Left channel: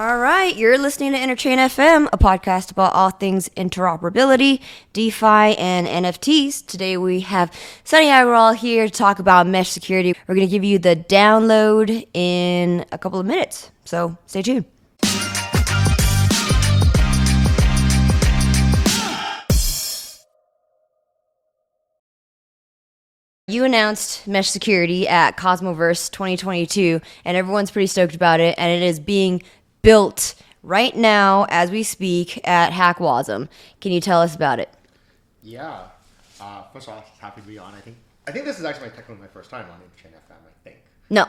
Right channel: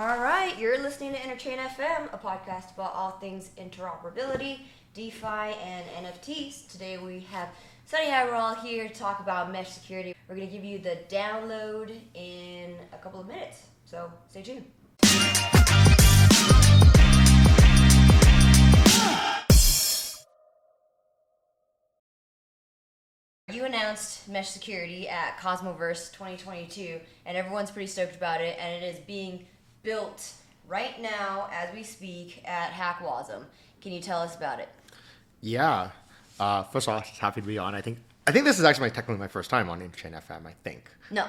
All right, you're listening to Interchain FM, a podcast about all things interoperability, DeFi, and NFTs. Today we have Sunny Aggarwal here to talk about mesh security. We're going to give you the download in a couple of minutes, so stay tuned. You announced mesh security at Cosmoverse 2022, and everyone's pretty stoked about it, and it is being built right now as we speak at Hackwasm. Can you tell us about it? Yeah. First of all, happy to be on. I think this is actually technically my first time on Interchain FM. I think. No.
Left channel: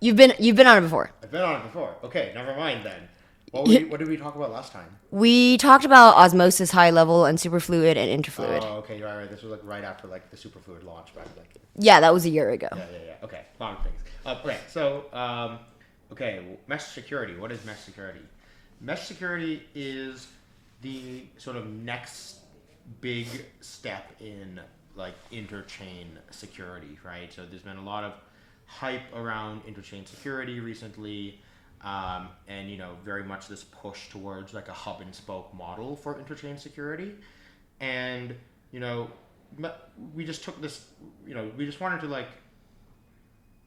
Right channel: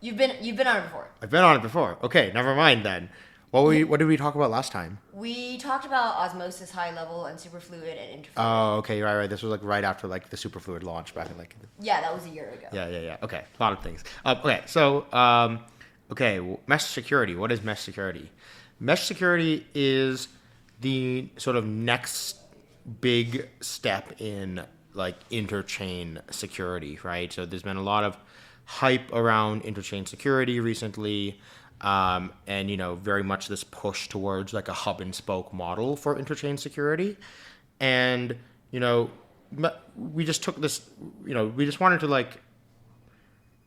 You've been on it before. I've been on it before. Okay, never mind then. What did we talk about last time? We talked about Osmosis high level and Superfluid and Interfluid. Oh, okay, right. This was like right after like the Superfluid launch back in like. Yeah, that was a year ago. Yeah. Okay, a lot of things. Mesh security. What is mesh security? Mesh security is the sort of next big step in like interchain security, right? So there's been a lot of hype around interchain security recently, and very much this push towards like a hub and spoke model for interchain security, and we just took this, we just wanted to like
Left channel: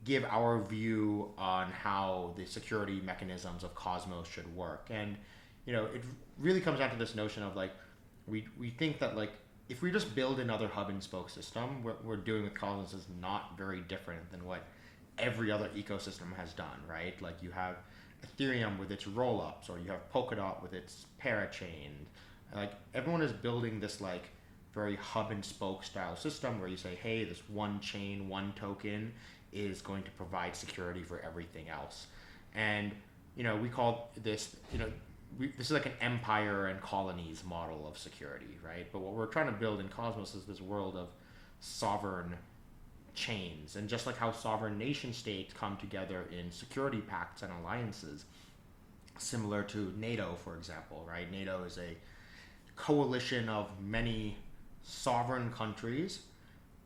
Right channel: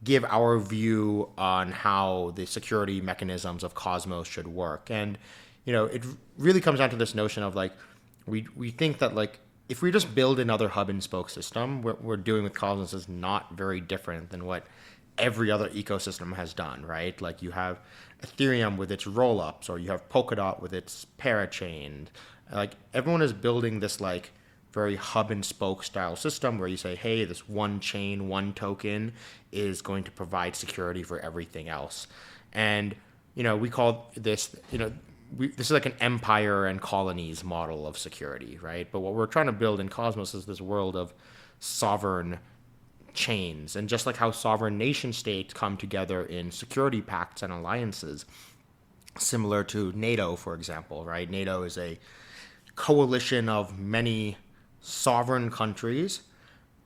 give our view on how the security mechanisms of Cosmos should work. And, it really comes down to this notion of like, we think that like, if we just build another hub and spoke system, what we're doing with Cosmos is not very different than what every other ecosystem has done, right? Like you have Ethereum with its rollups, or you have Polkadot with its parachain. Like everyone is building this like very hub and spoke style system where you say, hey, this one chain, one token is going to provide security for everything else. And, we call this, this is like an empire and colonies model of security, right? But what we're trying to build in Cosmos is this world of sovereign chains. And just like how sovereign nation states come together in security pacts and alliances, similar to NATO, for example, right? NATO is a coalition of many sovereign countries,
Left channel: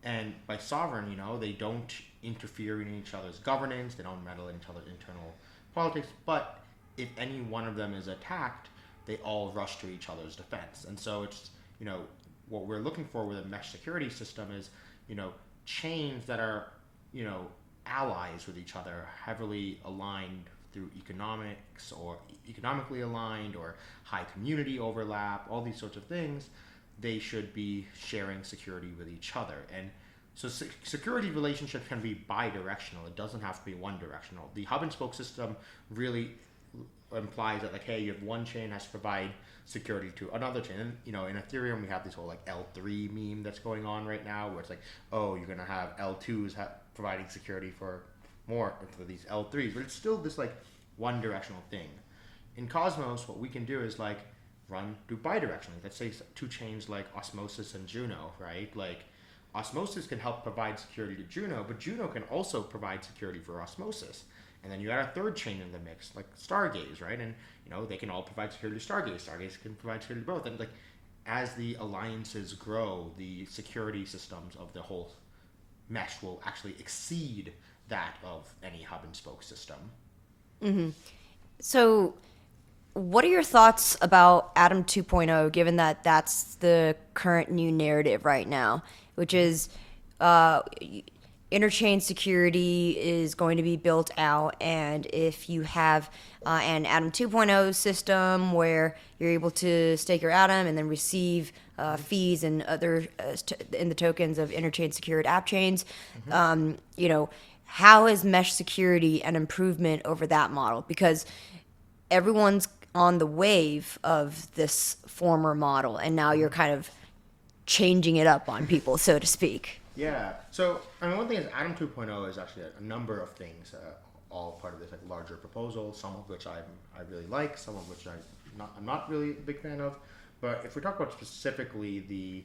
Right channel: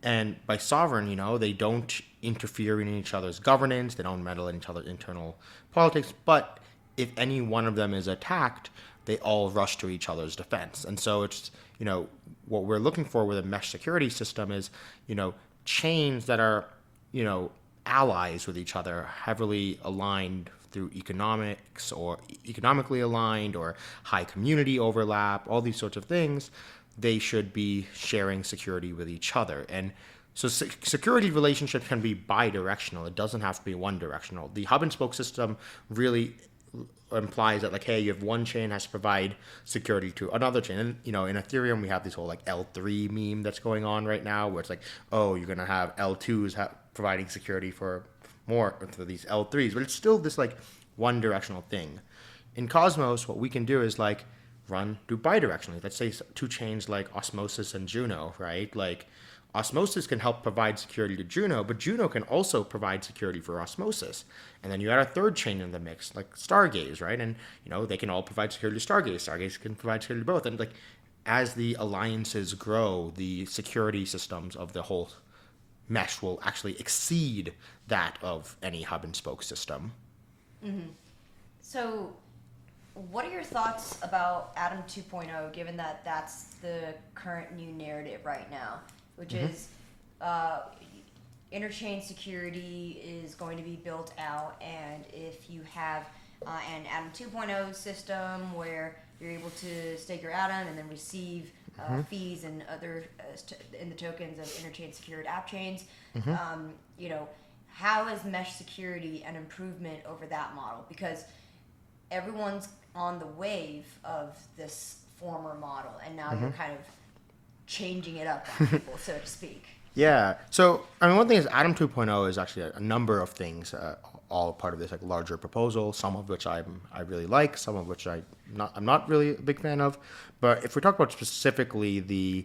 and by sovereign, they don't interfere in each other's governance, they don't meddle in each other's internal politics, but if any one of them is attacked, they all rush to each other's defense. And so it's, what we're looking for with a mesh security system is, chains that are, allies with each other, heavily aligned through economics or economically aligned or high community overlap, all these sorts of things. They should be sharing security with each other. And so security relationships can be bi-directional. It doesn't have to be one-directional. The hub and spoke system really implies that, like, hey, you have one chain has to provide security to another chain. And, in Ethereum, we have this whole, like, L3 meme that's going on right now, where it's like, oh, you're going to have L2s providing security for these L3s. But it's still this, like, one-directional thing. In Cosmos, what we can do is, like, do bidirectionally. Let's say two chains like Osmosis and Juno, right? Like Osmosis can help provide security to Juno, but Juno can also provide security for Osmosis. And then you add a third chain in the mix, like Stargaze, right? And they can all provide security to Stargaze. Stargaze can provide security to both. And like as the alliances grow, the security systems of the whole mesh will actually exceed that of any hub and spoke system. Mm-hmm. So what are your thoughts about Atom 2.0, given that that's the current new narrative right now, which is interchain security is going to be built out, and if you have an Atom 2.0 system where you're able to stake your Atom and then receive fees and other in the tokens of interchain secured app chains, how is mesh security an improvement over that model? Because everyone's on the wave of this former model, and now you're kind of changing it up on people, so to speak. Yeah. So, one thing is Atom 2.0 is actually a number of things, all part of this like larger proposal, some of which I really like, some of which I'm not really a big fan of. But if we talk about specifically the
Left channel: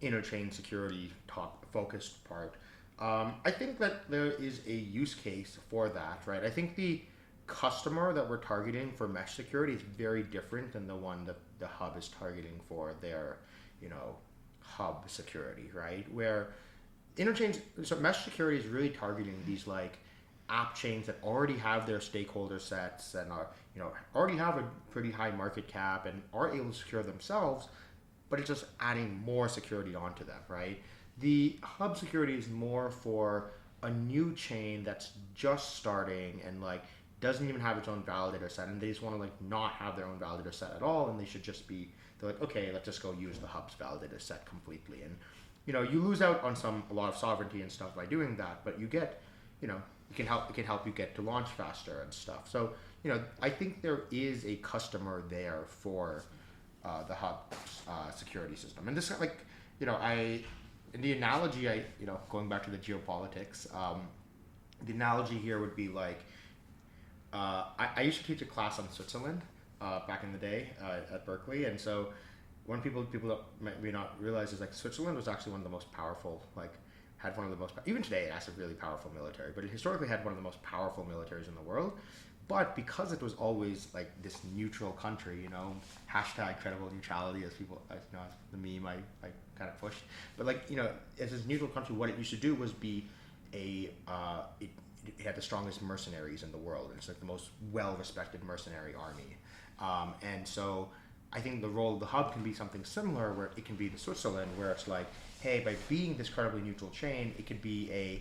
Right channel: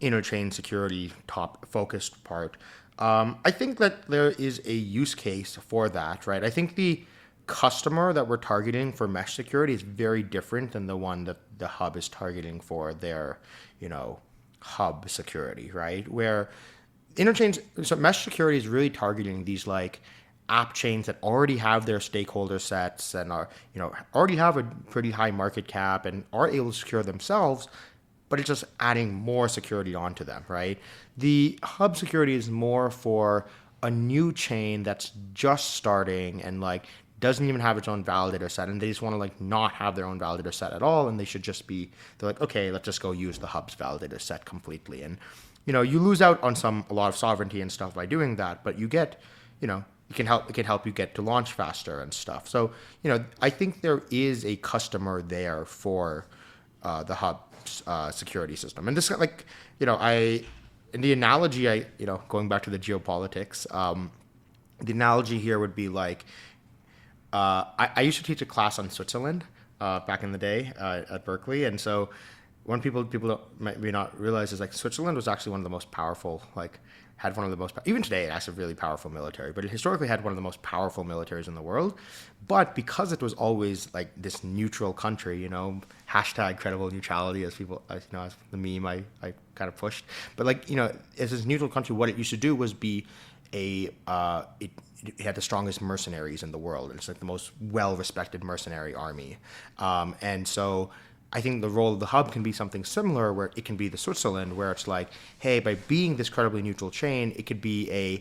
interchain security top focused part, I think that there is a use case for that, right? I think the customer that we're targeting for mesh security is very different than the one that the hub is targeting for their, hub security, right? Where so mesh security is really targeting these like app chains that already have their stakeholder sets and are, already have a pretty high market cap and are able to secure themselves, but it's just adding more security onto them, right? The hub security is more for a new chain that's just starting and like doesn't even have its own validator set, and they just want to like not have their own validator set at all, and they should just be, they're like, okay, let's just go use the hub's validator set completely. And you lose out on a lot of sovereignty and stuff by doing that, but you get, it can help you get to launch faster and stuff. So, I think there is a customer there for the hub's security system. And this, like, in the analogy, going back to the geopolitics, the analogy here would be like, I used to teach a class on Switzerland back in the day at Berkeley, and so one people don't, maybe not realize is like Switzerland was actually one of the most powerful, like had one of the most, even today it has a really powerful military, but it historically had one of the most powerful militaries in the world. But because it was always like this neutral country, hashtag credible neutrality, as people, as the meme I kind of pushed. But like, as this neutral country, what it used to do was be it had the strongest mercenaries in the world. It's like the most well-respected mercenary army. And so I think the role of the hub can be something similar, where it can be the Switzerland, where it's like, hey, by being this credibly neutral chain, it could be a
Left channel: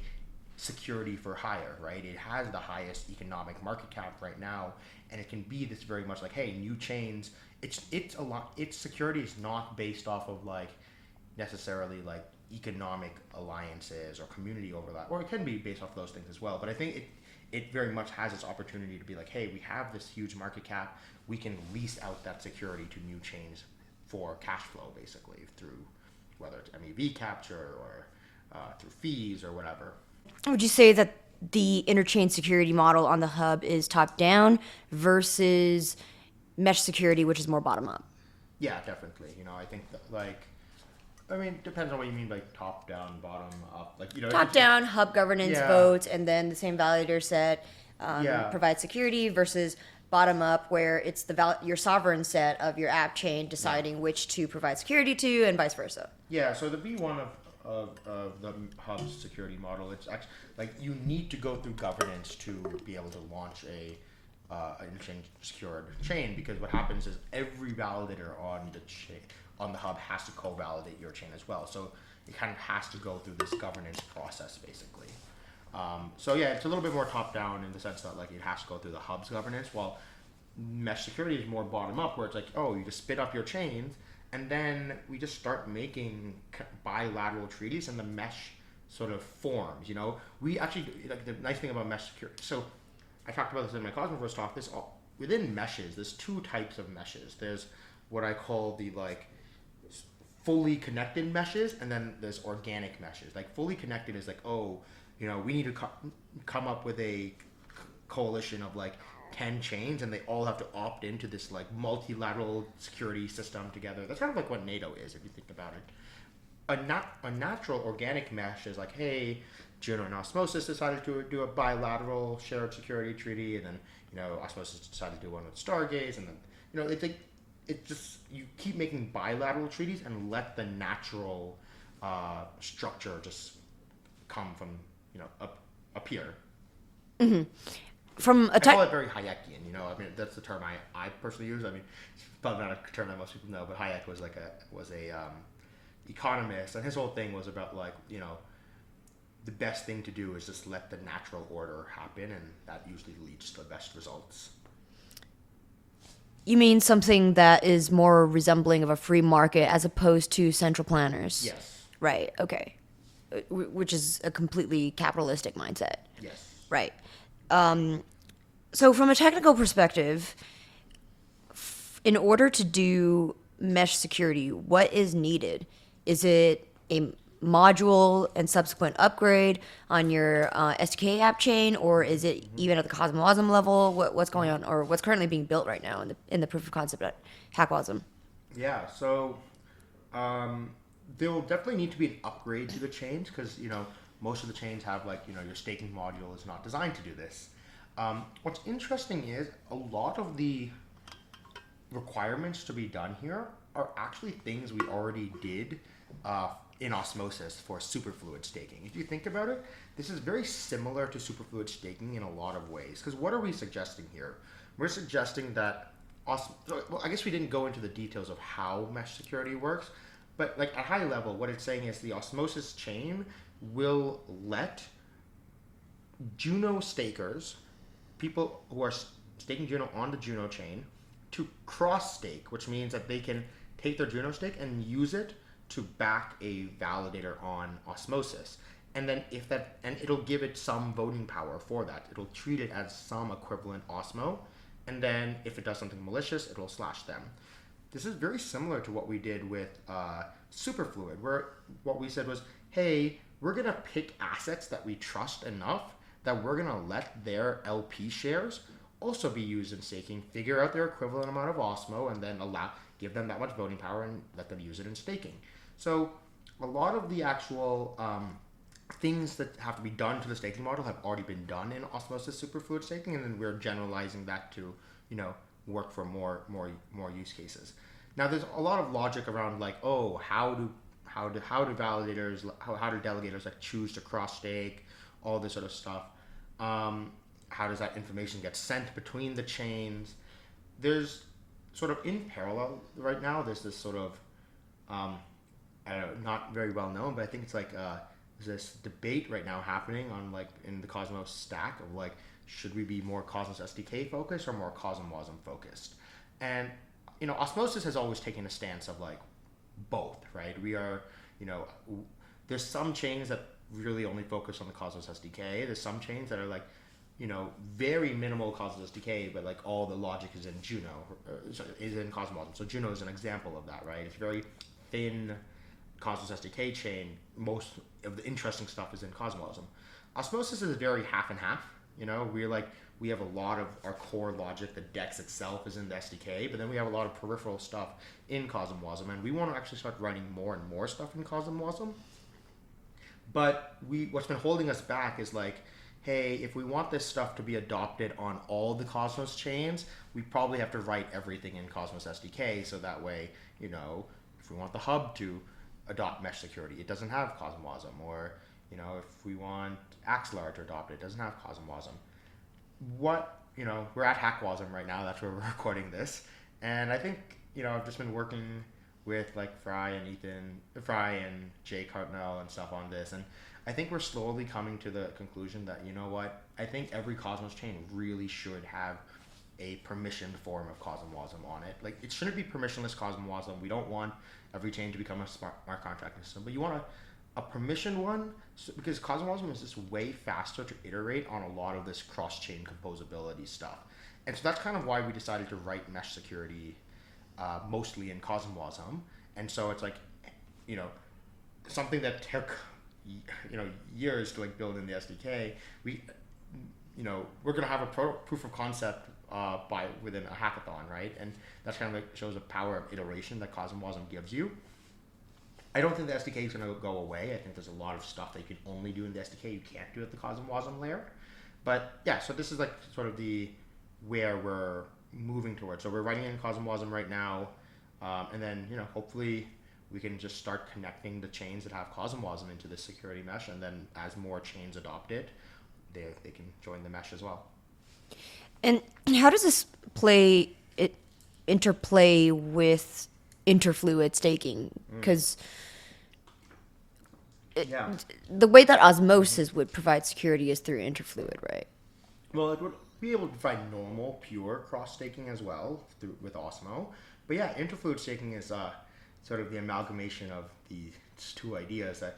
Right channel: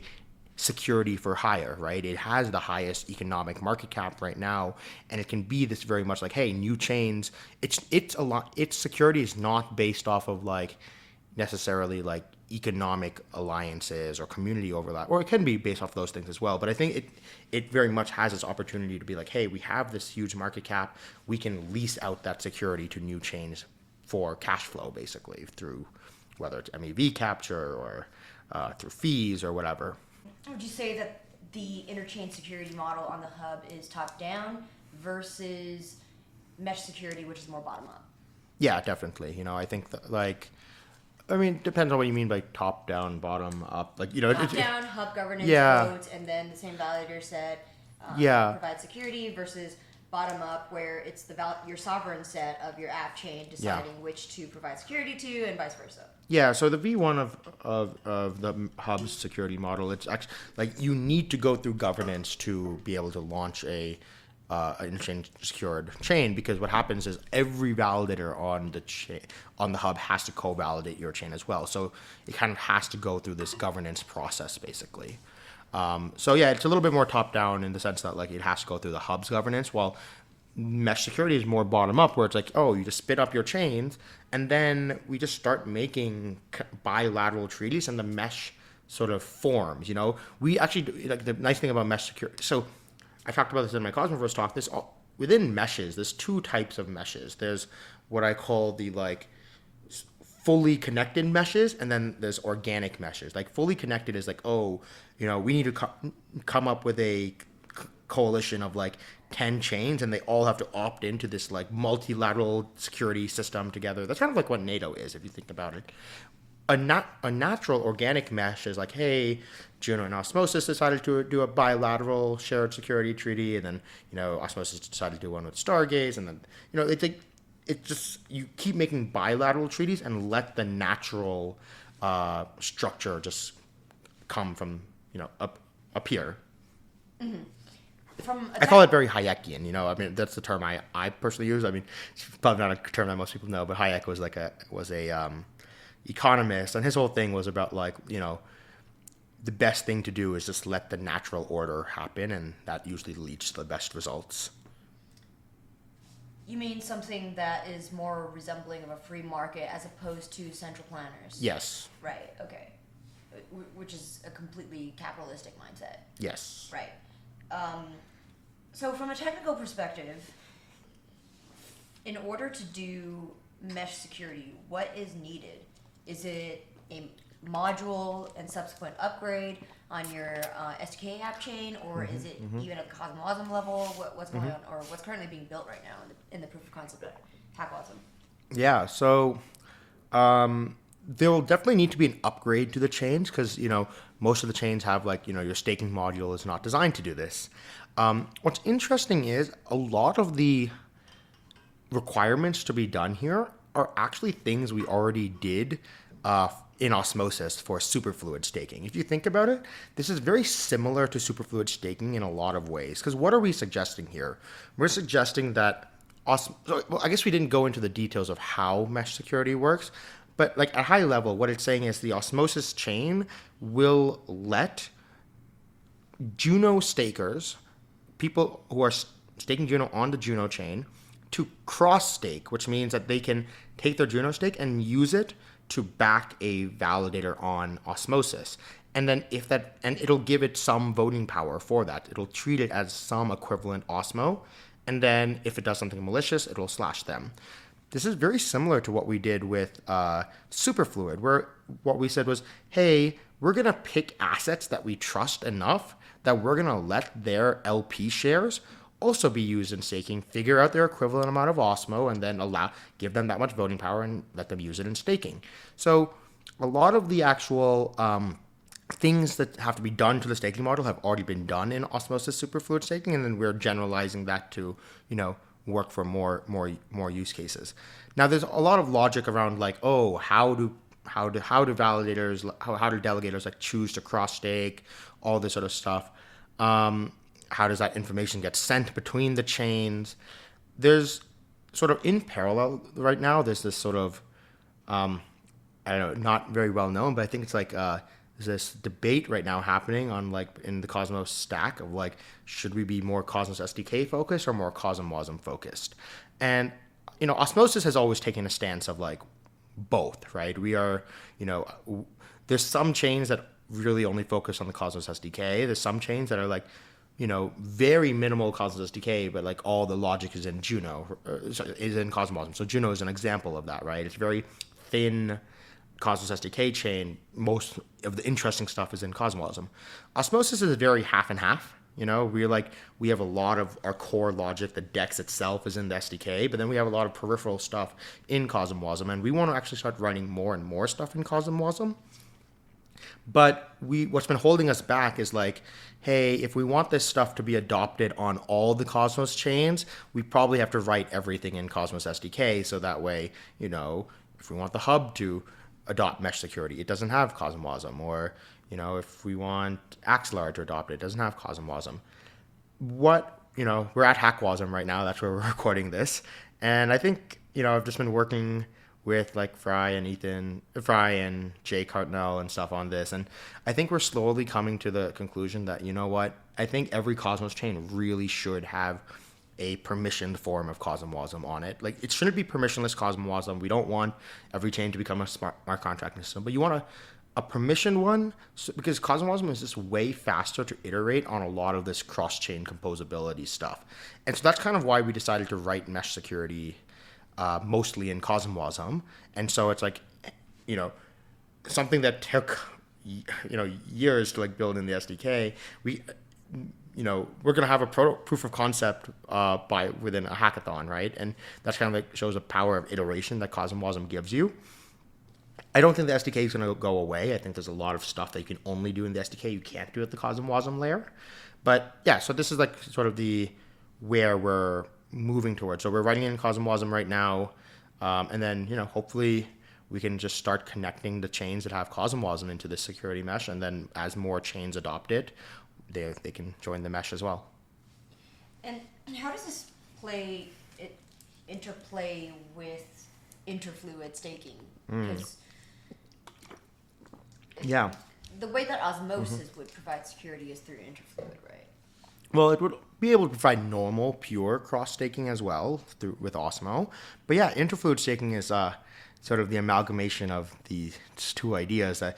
security for hire, right? It has the highest economic market cap right now, and it can be this very much like, hey, new chains. It's a lot. Its security is not based off of like necessarily like economic alliances or community overlap, or it can be based off those things as well. But I think it very much has this opportunity to be like, hey, we have this huge market cap, we can lease out that security to new chains for cash flow, basically, through whether it's MEV capture or through fees or whatever. Would you say that the interchain security model on the hub is top down versus mesh security, which is more bottom up? Yeah, definitely. I think depends on what you mean by top down, bottom up. Like, top down, hub governance votes, and then the same validator set provides security, versus bottom up, where it's your sovereign set of your app chain deciding which to provide security to, and vice versa. Yeah, so the V1 of the hub's security model, it's actually like you need to go through governance to be able to launch an interchain secured chain, because what happens is every validator on the hub has to co-validate your chain as well. So it kind of has to go through this governance process, basically. So yeah, it's a little bit more top down in the sense that like it has to go through the hub's governance, while mesh security is more bottom up, where it's like, oh, you just spit up your chains, and then we just start making bilateral treaties, and the mesh sort of forms. We actually, like, the nice thing about mesh security. So I talked about this in my Cosmoverse talk. Within meshes, there's two types of meshes. There's what I call the like fully connected meshes, and then there's organic meshes. Like fully connected is like, we need to come up with a coalition of like 10 chains, and they all have to opt into this like multilateral security system together. That's kind of like what NATO is, if you think about it. A natural organic mesh is like, hey, Juno and Osmosis decided to do a bilateral shared security treaty, and then Osmosis decided to do one with Stargaze, and then it's just, you keep making bilateral treaties and let the natural structure just come from up here. Mm-hmm. I call it very Hayekian. That's the term I personally use. It's probably not a term that most people know, but Hayek was a economist, and his whole thing was about like, the best thing to do is just let the natural order happen, and that usually leads to the best results. You mean something that is more resembling of a free market as opposed to central planners? Yes. Right, okay. Which is a completely capitalistic mindset. Yes. Right. So from a technical perspective, in order to do mesh security, what is needed? Is it a module and subsequent upgrade on your SDK app chain, or is it even at the CosmWasm level? What's going on, or what's currently being built right now in the proof of concept at HackWasm? Yeah, so there will definitely need to be an upgrade to the chains, because most of the chains have like your staking module is not designed to do this. What's interesting is a lot of the requirements to be done here are actually things we already did in Osmosis for superfluid staking. If you think about it, this is very similar to superfluid staking in a lot of ways. Because what are we suggesting here? We're suggesting that, I guess we didn't go into the details of how mesh security works, but like at high level, what it's saying is the Osmosis chain will let Juno stakers, people who are staking Juno on the Juno chain, to cross stake, which means that they can take their Juno stake and use it to back a validator on Osmosis. And then and it'll give it some voting power for that. It'll treat it as some equivalent Osmo. And then if it does something malicious, it'll slash them. This is very similar to what we did with Superfluid, where what we said was, hey, we're going to pick assets that we trust enough that we're going to let their LP shares also be used in staking, figure out their equivalent amount of Osmo, and then give them that much voting power and let them use it in staking. So a lot of the actual things that have to be done to the staking model have already been done in Osmosis Superfluid Staking, and then we're generalizing that to, work for more use cases. Now, there's a lot of logic around like, oh, how do validators, how do delegators like choose to cross stake, all this sort of stuff. How does that information get sent between the chains? There's sort of in parallel right now, there's this sort of, I don't know, not very well known, but I think it's like, there's this debate right now happening on like in the Cosmos stack of like, should we be more Cosmos SDK focused or more CosmWasm focused? And, Osmosis has always taken a stance of like both, right? We are, there's some chains that really only focus on the Cosmos SDK. There's some chains that are like, very minimal Cosmos SDK, but like all the logic is in Juno, is in CosmWasm. So Juno is an example of that, right? It's very thin Cosmos SDK chain. Most of the interesting stuff is in CosmWasm. Osmosis is very half and half. We have a lot of our core logic. The DEX itself is in the SDK, but then we have a lot of peripheral stuff in CosmWasm, and we want to actually start writing more and more stuff in CosmWasm. But what's been holding us back is like, hey, if we want this stuff to be adopted on all the Cosmos chains, we probably have to write everything in Cosmos SDK. So that way, if we want the hub to adopt mesh security, it doesn't have CosmWasm. Or, if we want Aggarwal to adopt it, it doesn't have CosmWasm. We're at HackWasm right now. That's where we're recording this. And I think, I've just been working with like Fry and Jay Cartnell and stuff on this. And I think we're slowly coming to the conclusion that, I think every Cosmos chain really should have a permissioned form of CosmWasm on it. Like, it shouldn't be permissionless CosmWasm. We don't want every chain to become a smart contracting system, but you want a permissioned one, because CosmWasm is just way faster to iterate on a lot of this cross-chain composability stuff. And so that's kind of why we decided to write mesh security mostly in CosmWasm. And so it's like, something that took, years to like build in the SDK. We're going to have a proof of concept within a hackathon, right? And that's kind of like shows the power of iteration that CosmWasm gives you. I don't think the SDK is going to go away. I think there's a lot of stuff that you can only do in the SDK you can't do at the CosmWasm layer. But yeah, so this is like sort of where we're moving towards. So we're writing in CosmWasm right now, and then hopefully we can just start connecting the chains that have CosmWasm into the security mesh, and then as more chains adopt it, they can join the mesh as well. And how does this interplay with interfluid staking? Because the way that Osmosis would provide security is through interfluid, right? Well, it would be able to provide normal, pure cross-staking as well with Osmo. But yeah, interfluid staking is sort of the amalgamation of these two ideas that,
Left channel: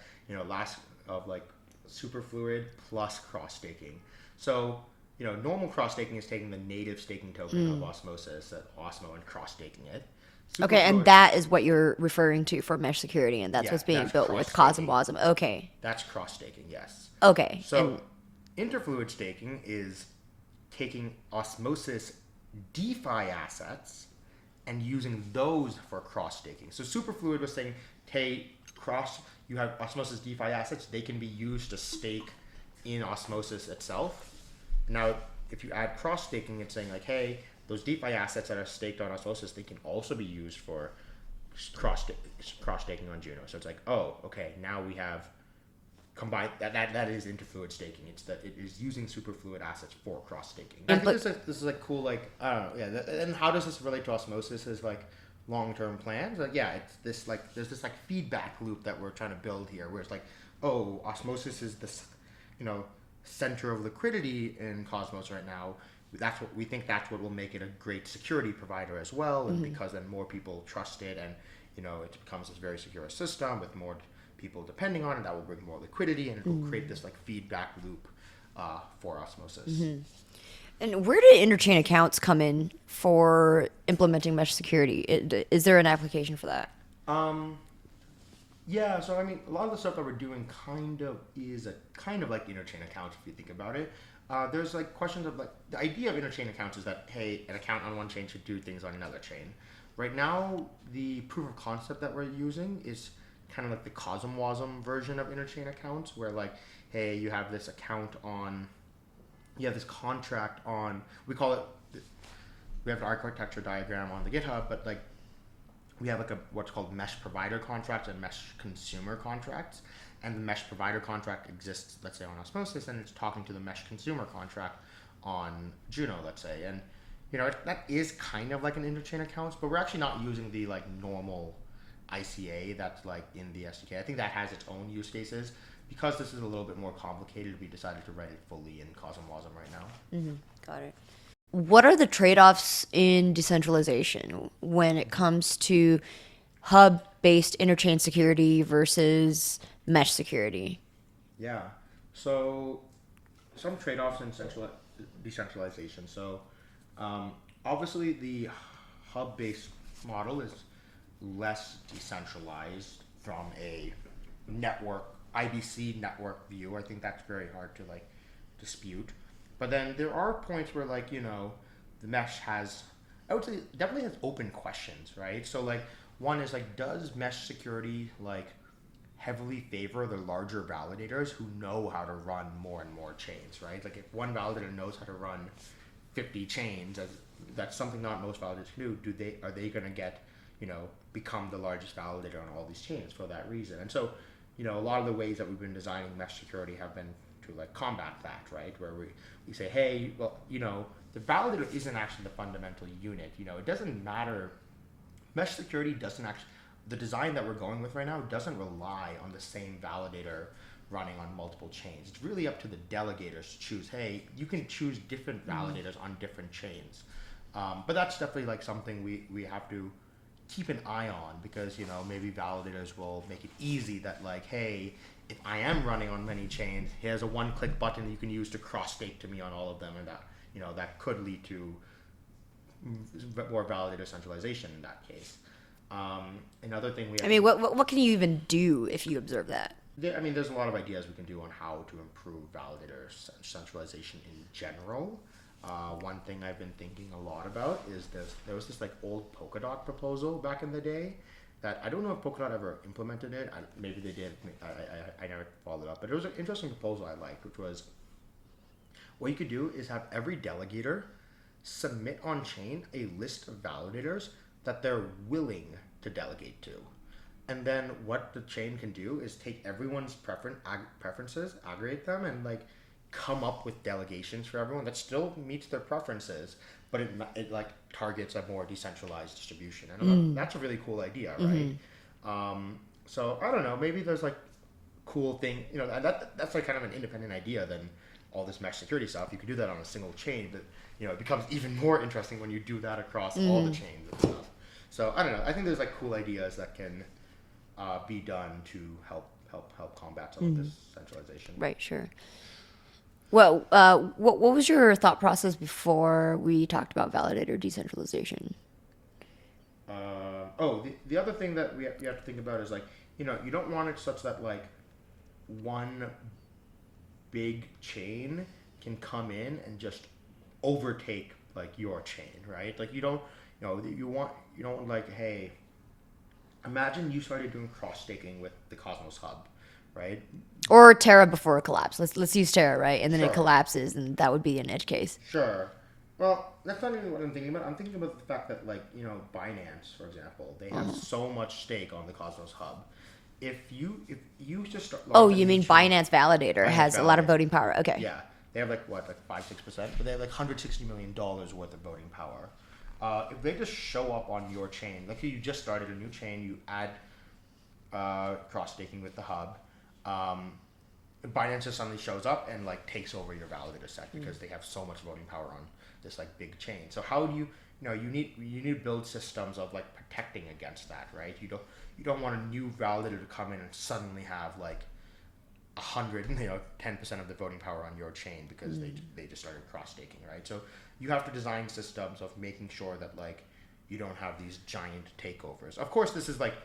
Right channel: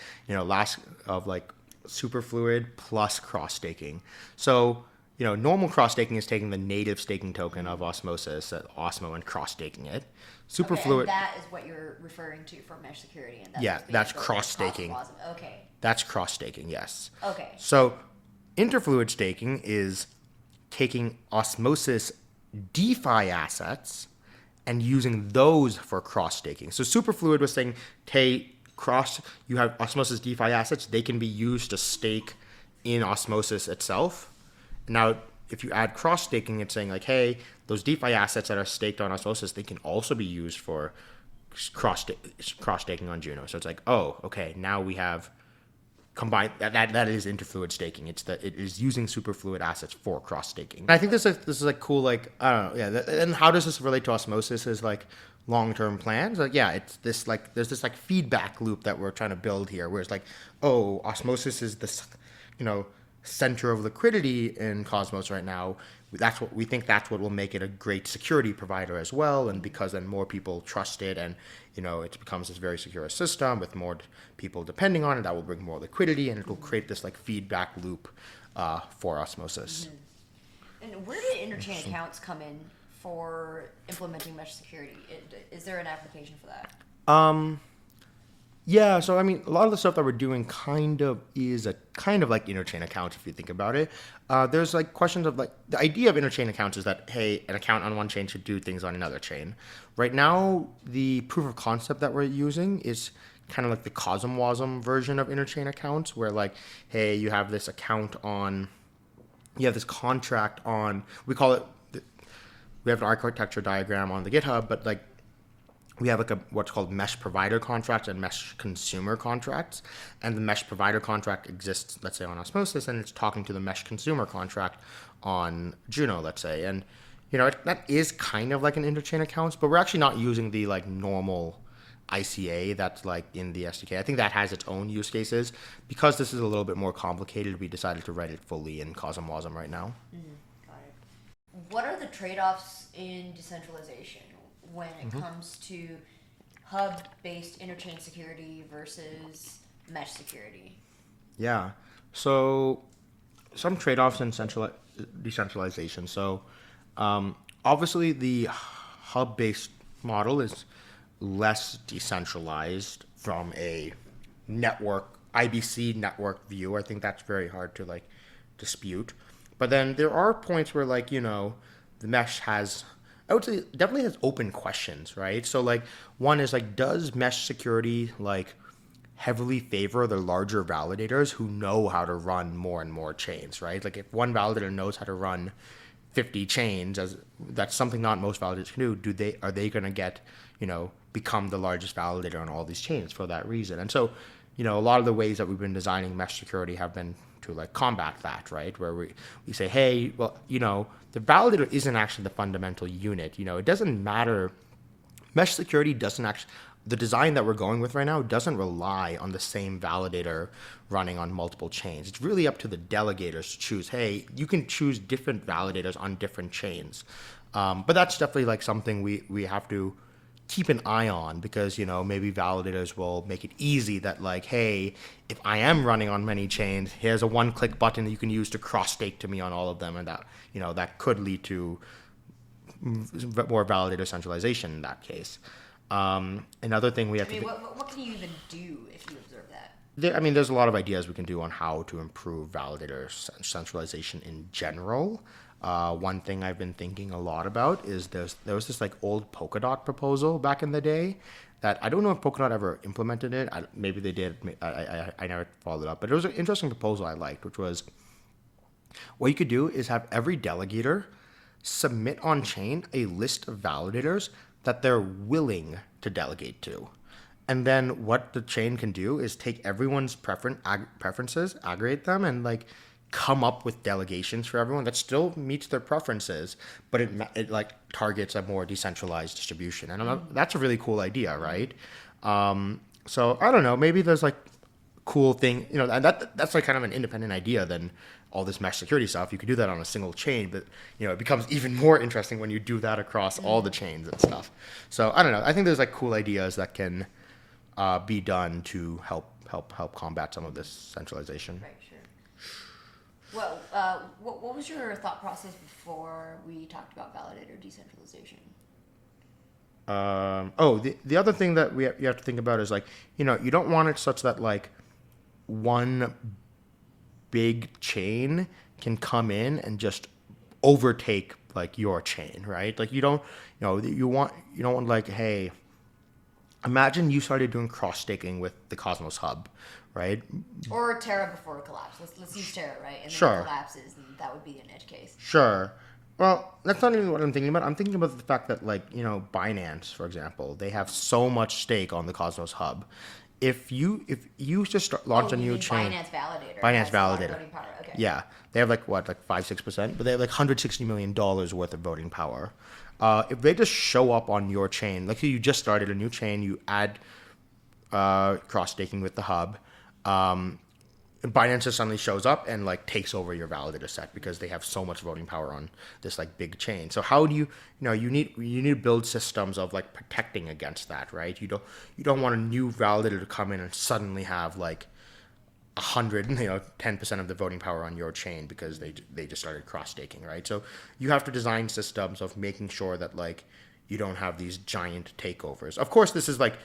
of like superfluid plus cross-staking. So, normal cross-staking is taking the native staking token of Osmosis, Osmo, and cross-staking it. Okay, and that is what you're referring to for mesh security, and that's what's being built with CosmWasm. Okay. That's cross-staking, yes. Okay. So interfluid staking is taking Osmosis DeFi assets and using those for cross-staking. So Superfluid was saying, hey, you have Osmosis DeFi assets, they can be used to stake in Osmosis itself. Now, if you add cross-staking, it's saying like, hey, those DeFi assets that are staked on Osmosis, they can also be used for cross staking on Juno. So it's like, oh, okay, now we have combined that is interfluid staking. It is using superfluid assets for cross staking. I think this is like cool. Like, I don't know. Yeah. And how does this relate to Osmosis? Is like long-term plans. Like, yeah, it's this like there's this like feedback loop that we're trying to build here, where it's like, oh, Osmosis is this, center of liquidity in Cosmos right now. That's what we think. That's what will make it a great security provider as well. And because then more people trust it, and it becomes this very secure system with more people depending on it, that will bring more liquidity, and it will create this like feedback loop for Osmosis. And where do interchain accounts come in for implementing mesh security? Is there an application for that? Yeah, so I mean, a lot of the stuff that we're doing kind of like interchain accounts if you think about it. There's like questions of like the idea of interchain accounts is that, hey, an account on one chain should do things on another chain. Right now, the proof of concept that we're using is kind of like the CosmWasm version of interchain accounts, where like, hey, you have this contract on, we have an architecture diagram on the GitHub, but like we have like what's called mesh provider contracts and mesh consumer contracts. And the mesh provider contract exists, let's say, on Osmosis, and it's talking to the mesh consumer contract on Juno, let's say. And, that is kind of like an interchain accounts, but we're actually not using the like normal ICA that's like in the SDK. I think that has its own use cases. Because this is a little bit more complicated, we decided to write it fully in CosmWasm right now. Got it. What are the trade-offs in decentralization when it comes to hub-based interchain security versus mesh security? Yeah. So some trade-offs in decentralization. So obviously the hub-based model is less decentralized from a IBC network view. I think that's very hard to like dispute. But then there are points where like, the mesh has, I would say, definitely has open questions, right? So like one is like, does mesh security like heavily favor the larger validators who know how to run more and more chains, right? Like if one validator knows how to run 50 chains, that's something not most validators can do. Are they going to get, become the largest validator on all these chains for that reason? And so, a lot of the ways that we've been designing mesh security have been to like combat that, right? Where we say, hey, well, the validator isn't actually the fundamental unit. It doesn't matter. Mesh security doesn't actually, the design that we're going with right now doesn't rely on the same validator running on multiple chains. It's really up to the delegators to choose, hey, you can choose different validators on different chains. But that's definitely like something we have to keep an eye on, because maybe validators will make it easy that like, hey, if I am running on many chains, here's a one-click button that you can use to cross-stake to me on all of them, and that that could lead to more validator centralization in that case. Another thing we have what can you even do if you observe that? There's a lot of ideas we can do on how to improve validator centralization in general. One thing I've been thinking a lot about is there was this like old Polkadot proposal back in the day that I don't know if Polkadot ever implemented it. Maybe they did. I never followed up, but it was an interesting proposal I liked, which was what you could do is have every delegator submit on chain a list of validators that they're willing to delegate to. And then what the chain can do is take everyone's preferences, aggregate them, and like come up with delegations for everyone that still meets their preferences, but it like targets a more decentralized distribution. And that's a really cool idea, right? So I don't know, maybe there's like cool thing, and that's like kind of an independent idea than all this mesh security stuff. You could do that on a single chain, but it becomes even more interesting when you do that across all the chains and stuff. So I don't know. I think there's like cool ideas that can be done to help combat some of this centralization. Right. Sure. Well, what was your thought process before we talked about validator decentralization? The other thing that you have to think about is like, you don't want it such that like one big chain can come in and just overtake like your chain, right? Like you don't want like, hey, imagine you started doing cross staking with the Cosmos Hub, right? Or Terra before a collapse. Let's use Terra, right? And then Sure. it collapses, and that would be an edge case. Sure. Well, that's not even what I'm thinking about. I'm thinking about the fact that, like, Binance, for example, they have so much stake on the Cosmos hub. If you just launch a you new mean chain, Binance Validator has a lot of voting power. Okay. yeah, they have like 5-6%, but they have like $160 million worth of voting power. If they just show up on your chain, like you just started a new chain, you add cross staking with the hub. Binance just suddenly shows up and like takes over your validator set because they have so much voting power on this like big chain. So how do you need to build systems of like protecting against that, right? You don't want a new validator to come in and suddenly have like 10% of the voting power on your chain because they just started cross staking, right? So you have to design systems of making sure that like you don't have these giant takeovers. Of course, this is like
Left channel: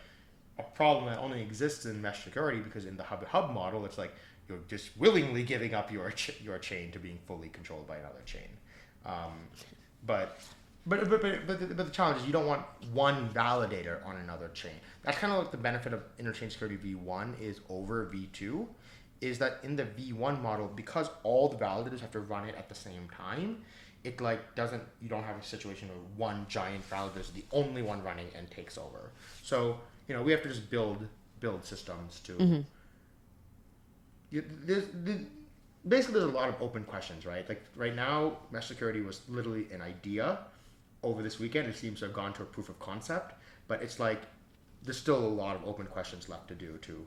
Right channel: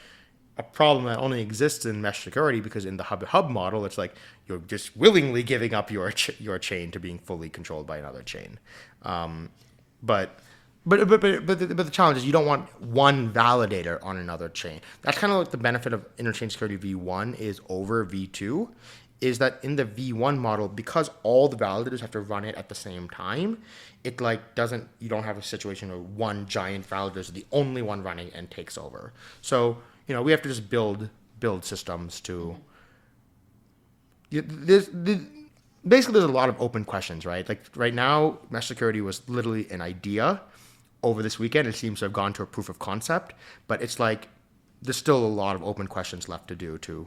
a problem that only exists in mesh security because in the hub model, it's like you're just willingly giving up your chain to being fully controlled by another chain. But the challenge is you don't want one validator on another chain. That's kind of like the benefit of interchain security v1 is over v2, is that in the v1 model, because all the validators have to run it at the same time, it like you don't have a situation where one giant validator is the only one running and takes over. So we have to just build systems to. Basically, there's a lot of open questions, right? Like right now, mesh security was literally an idea. Over this weekend, it seems to have gone to a proof of concept, but it's like there's still a lot of open questions left to do to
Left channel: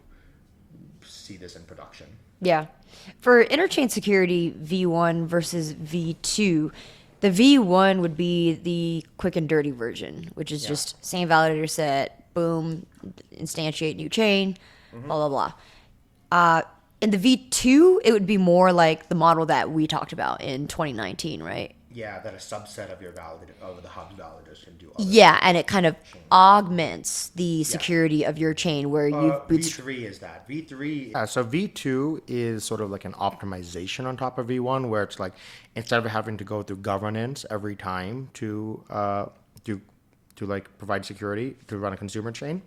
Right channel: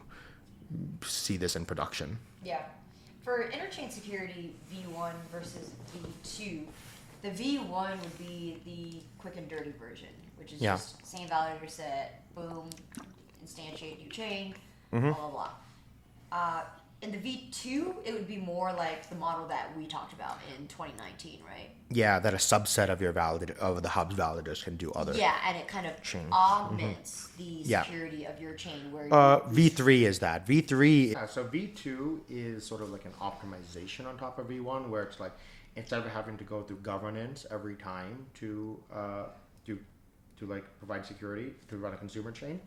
see this in production. Yeah. For interchain security V1 versus V2, the V1 would be the quick and dirty version, which is just same validator set, boom, instantiate new chain, blah, blah, blah. In the V2, it would be more like the model that we talked about in 2019, right? Yeah, that a subset of your of the hub's validators can do other. Yeah, and it kind of augments the security of your chain where you V3 is that. V3 so V2 is sort of like an optimization on top of V1 where it's like instead of having to go through governance every time to like provide security to run a consumer chain,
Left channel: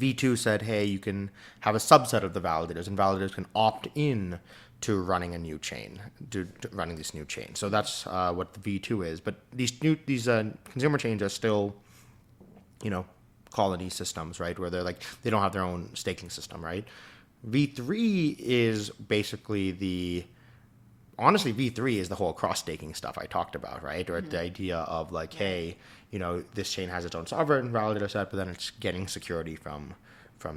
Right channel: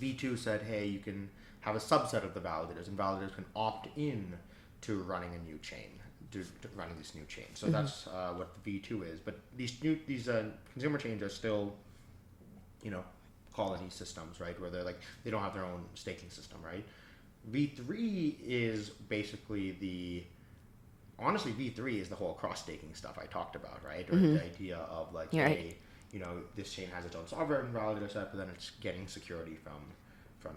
V2 said, hey, you can have a subset of the validators, and validators can opt in to running a new chain, to running this new chain. So that's what the V2 is. But these consumer chains are still, colony systems, right? Where they don't have their own staking system, right? V3 is basically honestly, V3 is the whole cross staking stuff I talked about, right? Or the idea of like, hey, this chain has its own sovereign validator set, but then it's getting security from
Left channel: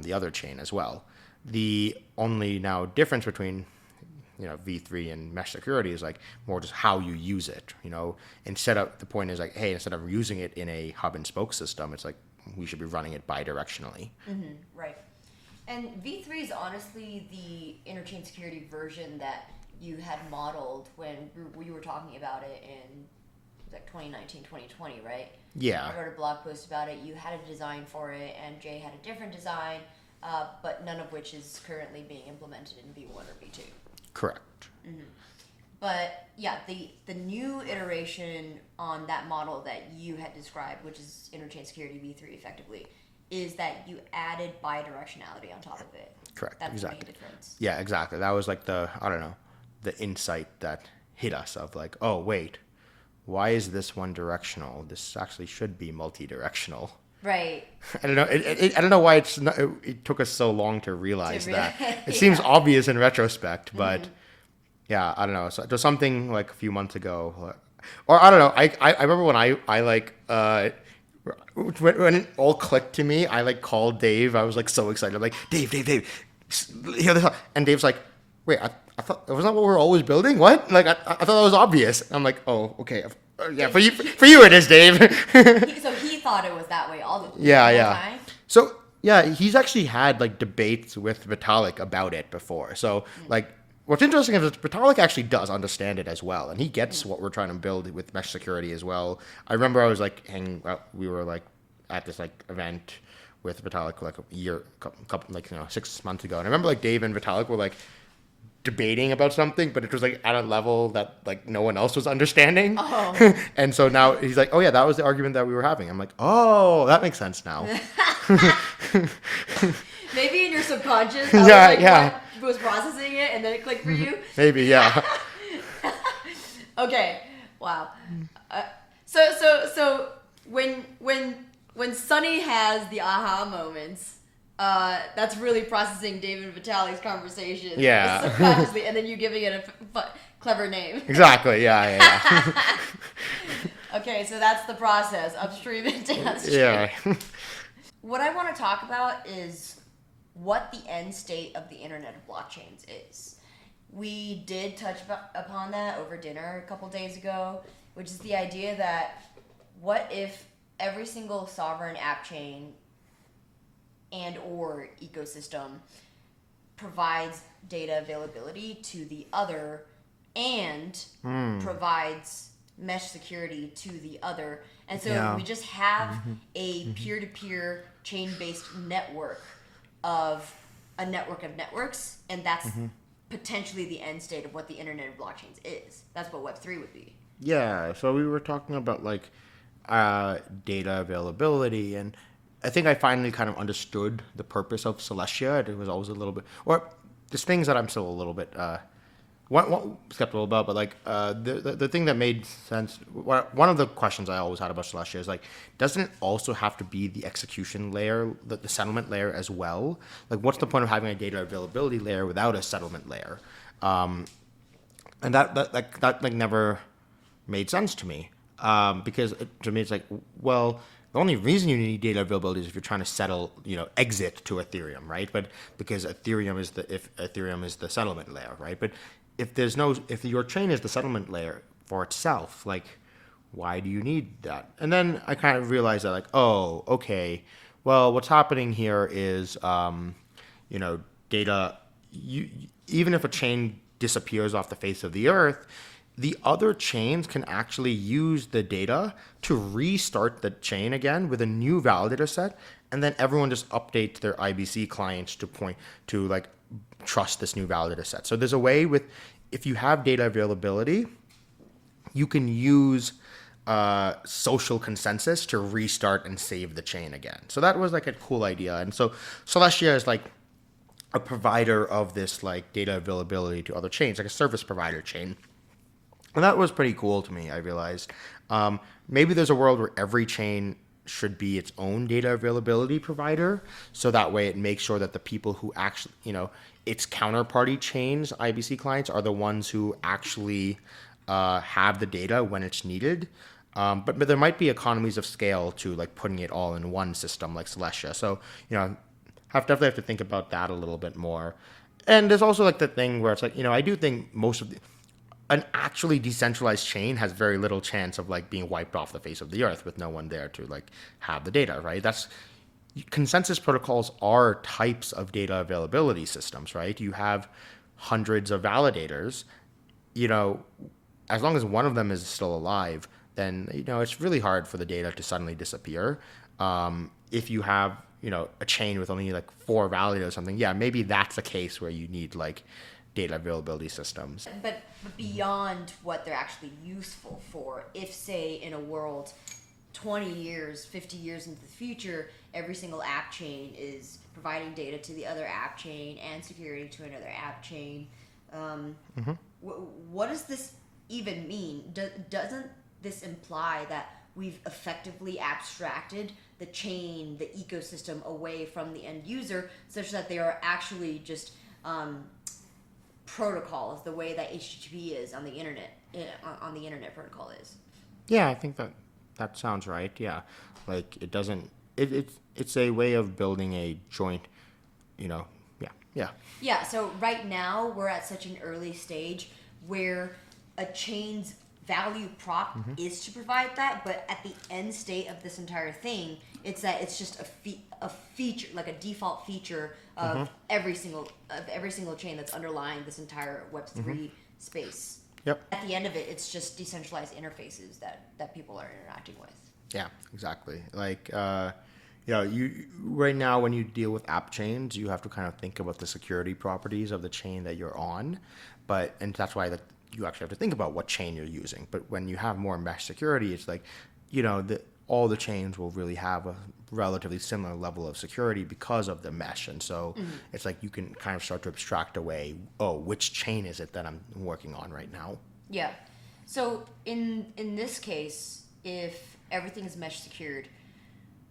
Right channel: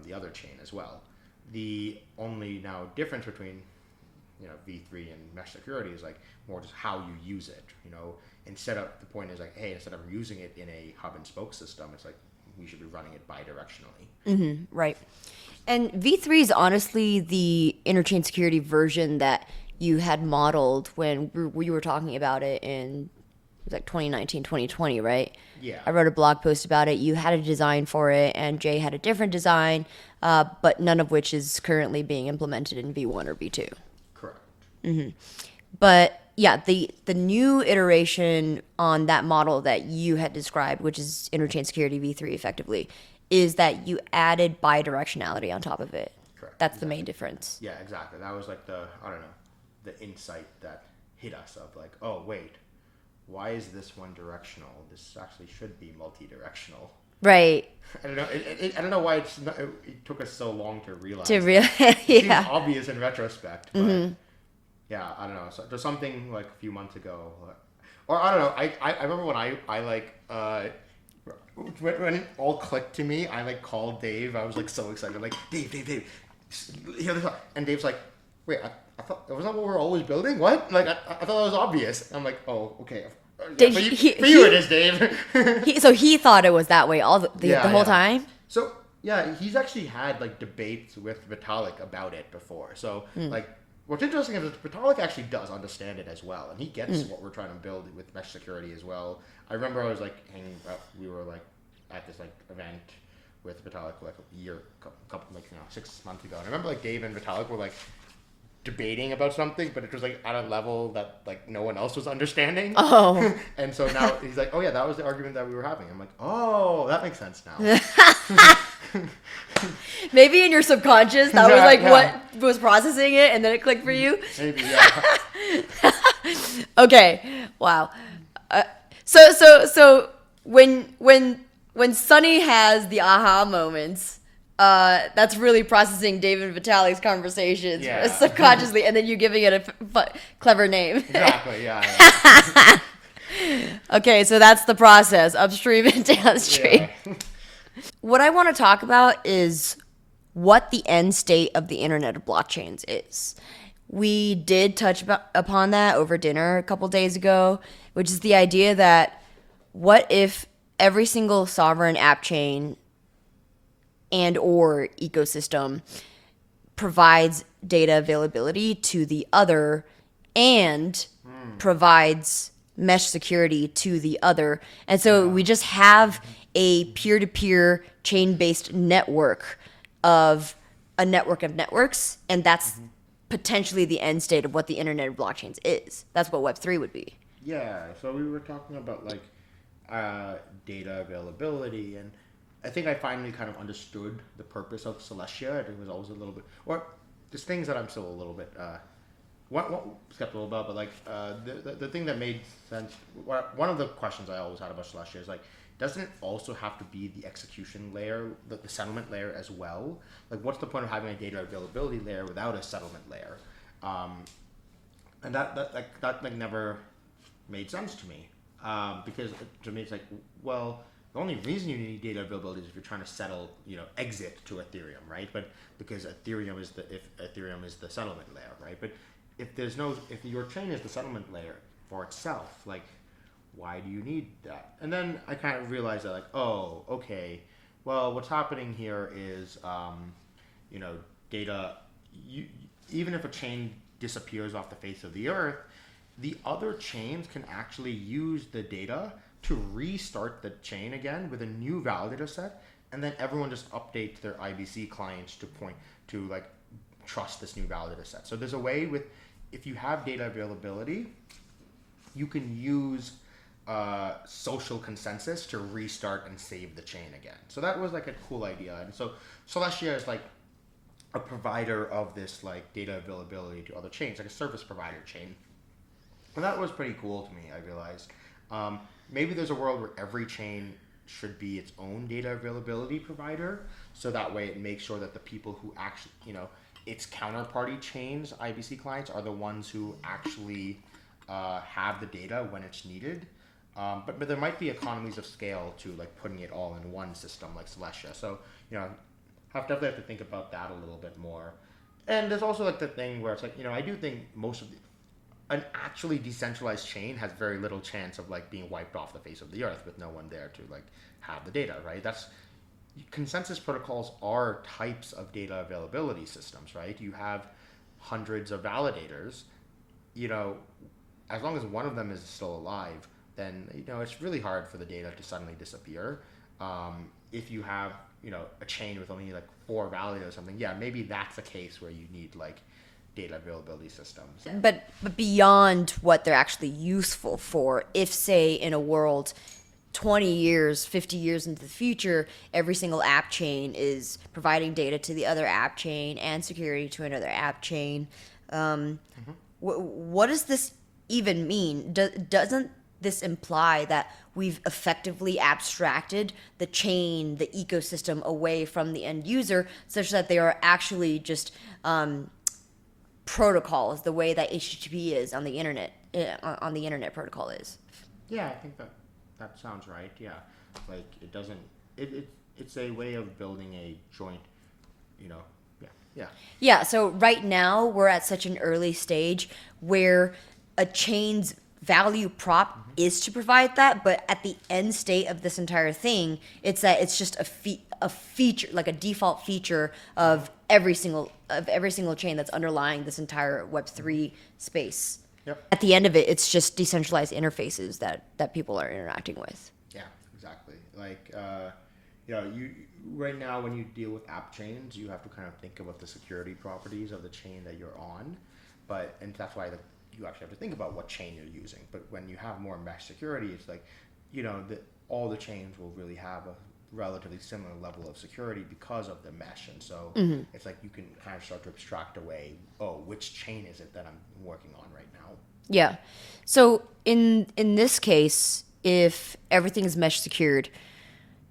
the other chain as well. The only now difference between V3 and mesh security is like more just how you use it. Instead of using it in a hub and spoke system, it's like we should be running it bi-directionally. Right. And V3 is honestly the interchain security version that you had modeled when we were talking about it in like 2019, 2020, right? Yeah. I wrote a blog post about it. You had a design for it, and Jay had a different design, but none of which is currently being implemented in V1 or V2. Correct. But yeah, the new iteration on that model that you had described, which is interchain security V3 effectively, is that you added bidirectionality on top of it. Correct. That's the main difference. Yeah, exactly. That was like the insight that hit us of like, oh, wait, why is this one directional? This actually should be multi-directional. Right. I don't know. I don't know why it took us so long to realize that. It Yeah. seems obvious in retrospect, but yeah, I don't know. So there's something like a few months ago, or I don't know. I remember when I like when it all clicked to me, I like called Dave. I was like so excited. I'm like, Dave, hear this? And Dave's like, wait, I thought wasn't that what we're always building? What? Like I thought that was obvious. I'm like, oh, okay. Yeah, for you it is, Dave. So he thought it was that way all the whole time? So, yeah, he's actually had, like, debates with Vitalik about it before. So, like, what's interesting is that Vitalik actually does understand it as well. And he gets what we're trying to build with mesh security as well. I remember I was, like, we were, like, at this, like, event with Vitalik, like, 6 months ago. And I remember, like, Dave and Vitalik were, like, debating about something, but it was like at a level that like no one else was understanding. Oh. And so now he's like, oh yeah, that was the argument that we were having. I'm like, oh, that makes sense now. Maybe in your subconscious that was like what was processing it and then it clicked for you. Maybe, yeah. Okay. Wow. So when Sunny has the aha moments, that's really processing David Vitalik's conversations subconsciously, and then you giving it a clever name. Exactly. Yeah. Okay, so that's the process, upstream and downstream. Yeah. What I want to talk about is what the end state of the Internet of Blockchains is. We did touch upon that over dinner a couple days ago, which is the idea that what if every single sovereign app chain and or ecosystem provides data availability to the other and provides mesh security to the other. And so we just have a peer-to-peer chain-based network of a network of networks, and that's potentially the end state of what the Internet of Blockchains is. That's what Web3 would be. Yeah. So we were talking about like data availability, and I think I finally kind of understood the purpose of Celestia. It was always a little bit, or there's things that I'm still a little bit one skeptical about, but like the thing that made sense. One of the questions I always had about Celestia is like, doesn't it also have to be the execution layer, the settlement layer as well? Like, what's the point of having a data availability layer without a settlement layer? And that like never made sense to me, because to me it's like, well, the only reason you need data availability is if you're trying to settle, exit to Ethereum, right? But because Ethereum is the settlement layer, right? But if your chain is the settlement layer for itself, like, why do you need that? And then I kind of realized that, like, oh, okay, well, what's happening here is, data. Even if a chain disappears off the face of the earth, the other chains can actually use the data to restart the chain again with a new validator set, and then everyone just updates their IBC clients to like trust this new validator set. So there's a way if you have data availability, you can use social consensus to restart and save the chain again. So that was like a cool idea. And so Celestia is like a provider of this like data availability to other chains, like a service provider chain. And that was pretty cool to me, I realized. Maybe there's a world where every chain should be its own data availability provider. So that way it makes sure that the people who actually, its counterparty chains, IBC clients, are the ones who actually have the data when it's needed. But there might be economies of scale to like putting it all in one system like Celestia. So, definitely have to think about that a little bit more. And there's also like the thing where it's like, I do think an actually decentralized chain has very little chance of like being wiped off the face of the earth with no one there to like have the data, right? Consensus protocols are types of data availability systems, right? You have hundreds of validators, as long as one of them is still alive, then, it's really hard for the data to suddenly disappear. If you have, a chain with only like 4 validators or something, yeah, maybe that's a case where you need like data availability systems. But beyond what they're actually useful for, if say in a world 20 years, 50 years into the future, every single app chain is providing data to the other app chain and security to another app chain, what does this even mean? Doesn't this imply that we've effectively abstracted the chain, the ecosystem away from the end user, such that they are actually just protocols, the way that HTTP is on the internet protocol is? Yeah, I think that sounds right. Yeah, like it doesn't. It's a way of building a joint. Yeah. So right now we're at such an early stage where a chain's value prop is to provide that, but at the end state of this entire thing, it's that it's just a feature, like a default feature of every single chain that's underlying this entire Web3 space. Yep. At the end of it, it's just decentralized interfaces that people are interacting with. Yeah, exactly. Like, you right now when you deal with app chains, you have to kind of think about the security properties of the chain that you're on, and that's why you actually have to think about what chain you're using. But when you have more mesh security, it's like, all the chains will really have a relatively similar level of security because of the mesh. And so it's like you can kind of start to abstract away, which chain is it that I'm working on right now? Yeah. So in this case, if everything is mesh secured,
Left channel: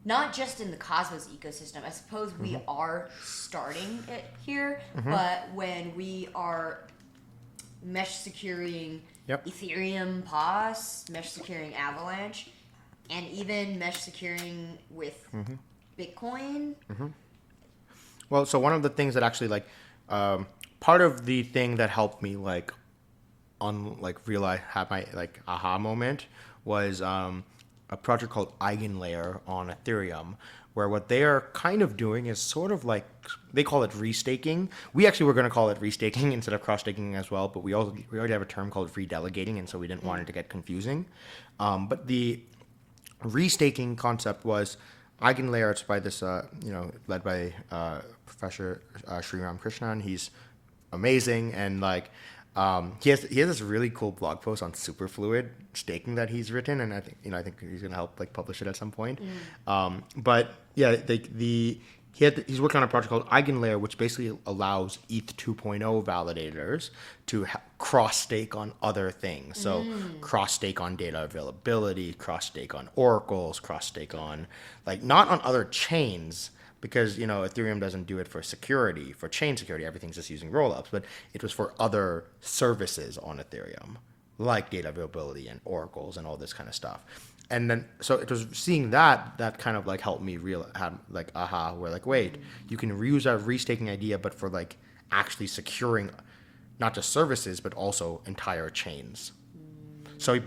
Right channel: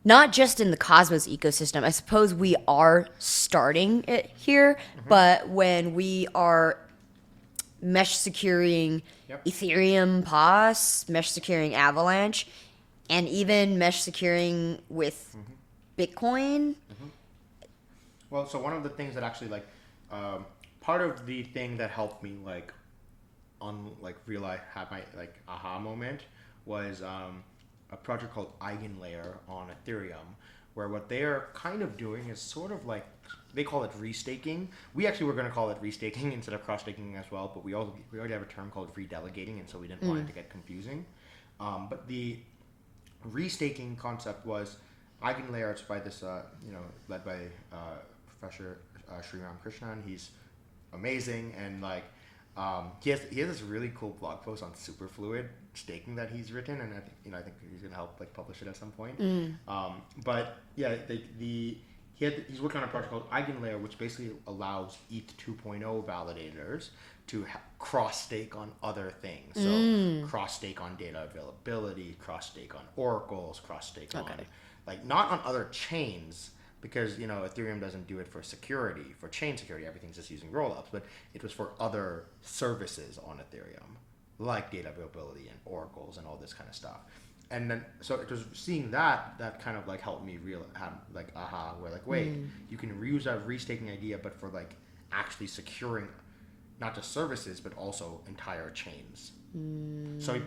not just in the Cosmos ecosystem, I suppose we are starting it here, but when we are mesh securing Ethereum, POS, mesh securing Avalanche, and even mesh securing with Bitcoin. Well, so one of the things that actually part of the thing that helped me realize, have my aha moment was a project called Eigenlayer on Ethereum, where what they are kind of doing is sort of like, they call it restaking. We actually were going to call it restaking instead of cross-staking as well, but we already have a term called redelegating, and so we didn't want it to get confusing. But the restaking concept was Eigenlayer. It's by this, led by Professor Sri Ramakrishnan. He's amazing, and he has this really cool blog post on superfluid staking that he's written, and I think he's gonna help publish it at some point. But yeah, he's working on a project called Eigenlayer, which basically allows ETH 2.0 validators to cross stake on other things. So cross stake on data availability, cross stake on oracles, cross stake on not on other chains. Because Ethereum doesn't do it for security, for chain security. Everything's just using rollups, but it was for other services on Ethereum, like data availability and oracles and all this kind of stuff. And then so it was seeing that kind of helped me have aha, where wait, you can reuse a restaking idea, but for actually securing not just services but also entire chains. So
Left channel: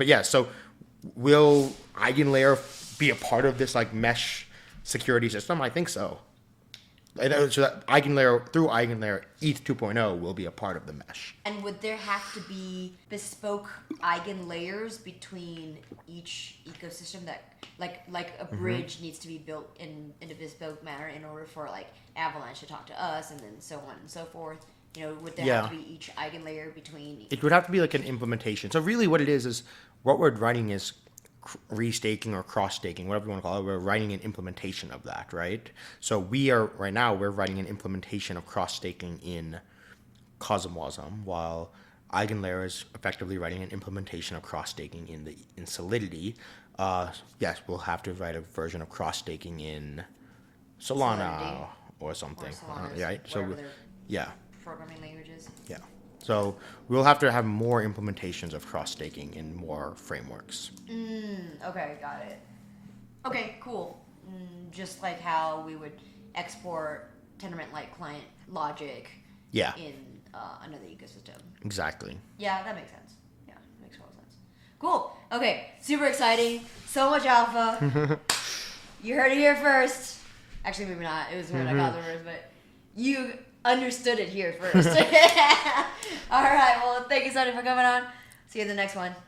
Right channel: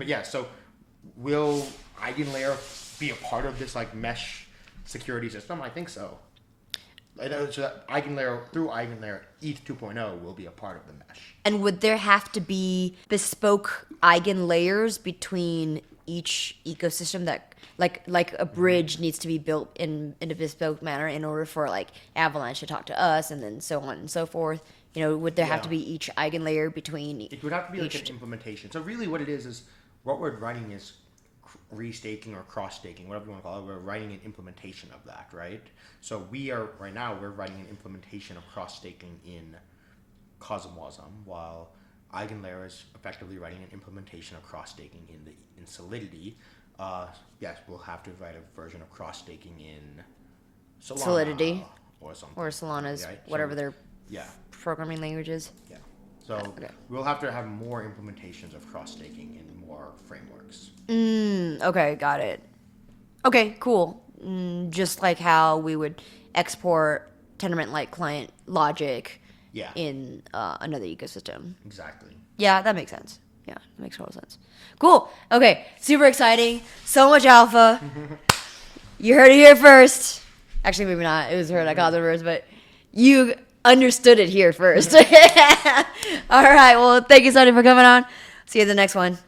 will Eigenlayer be a part of this mesh security system? I think so. So that Eigenlayer, through Eigenlayer, ETH 2.0 will be a part of the mesh. And would there have to be bespoke Eigenlayers between each ecosystem that like a bridge needs to be built in a bespoke manner in order for Avalanche to talk to us, and then so on and so forth? Would there have to be each Eigenlayer between? It would have to be an implementation. So really, what it is what we're writing is restaking or cross-staking, whatever you want to call it. We're writing an implementation of that, right? So we're writing an implementation of cross-staking in Cosmwasm, while Eigenlayer is effectively writing an implementation of cross-staking in Solidity. Yes, we'll have to write a version of cross-staking in Solana Solidity or something. Or Solana's, right? whatever their yeah. programming language is. Yeah. So we'll have to have more implementations of cross-staking in more frameworks. Okay, got it. Okay, cool. Just like how we would export Tendermint-like client logic in another ecosystem. Exactly. Yeah, that makes sense. Yeah, that makes total sense. Cool. Okay, super exciting. So much alpha. You heard it here first. Actually, maybe not. It was heard I called it first, but you understood it here first. All right. Well, thank you, Sonny, for coming on. See you in the next one.